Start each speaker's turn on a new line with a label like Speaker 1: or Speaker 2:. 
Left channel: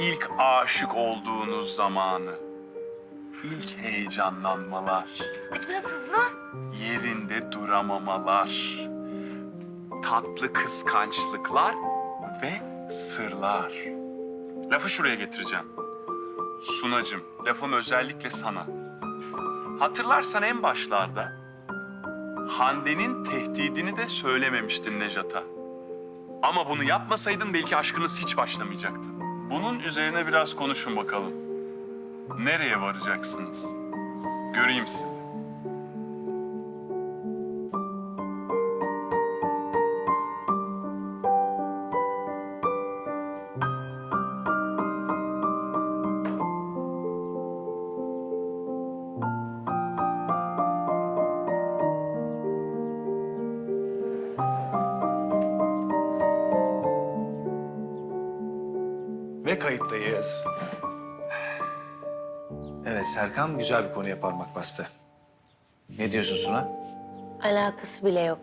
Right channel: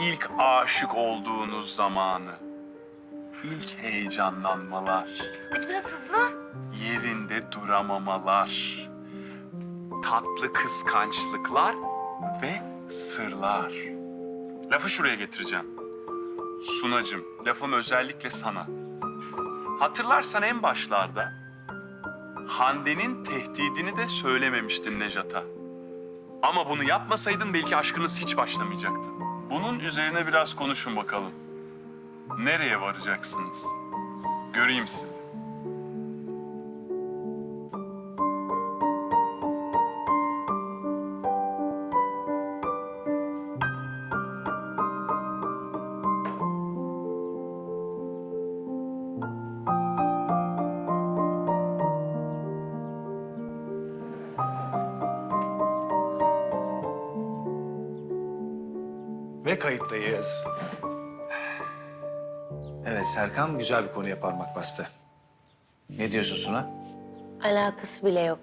Speaker 1: ilk aşık olduğunuz zamanı. İlk heyecanlanmalar.
Speaker 2: Hadi biraz hızlı.
Speaker 1: yerinde duramamalar, tatlı kıskançlıklar ve sırlar. Lafı şuraya getireceğim. Sunacım, lafım özellikle sana. Hatırlarsan en başlarda Hande'nin tehdidini de söylememiştin Nejat'a. Ama bunu yapmasaydın belki aşkınız hiç başlamayacaktı. Bunun üzerine biraz konuşun bakalım. Nereye varacaksınız? Göreyim sizi.
Speaker 3: Ve kayıttayız. Evet Serkan güzel bir konuya parmak bastı. Ne diyorsun Suna?
Speaker 2: Alakası bile yok.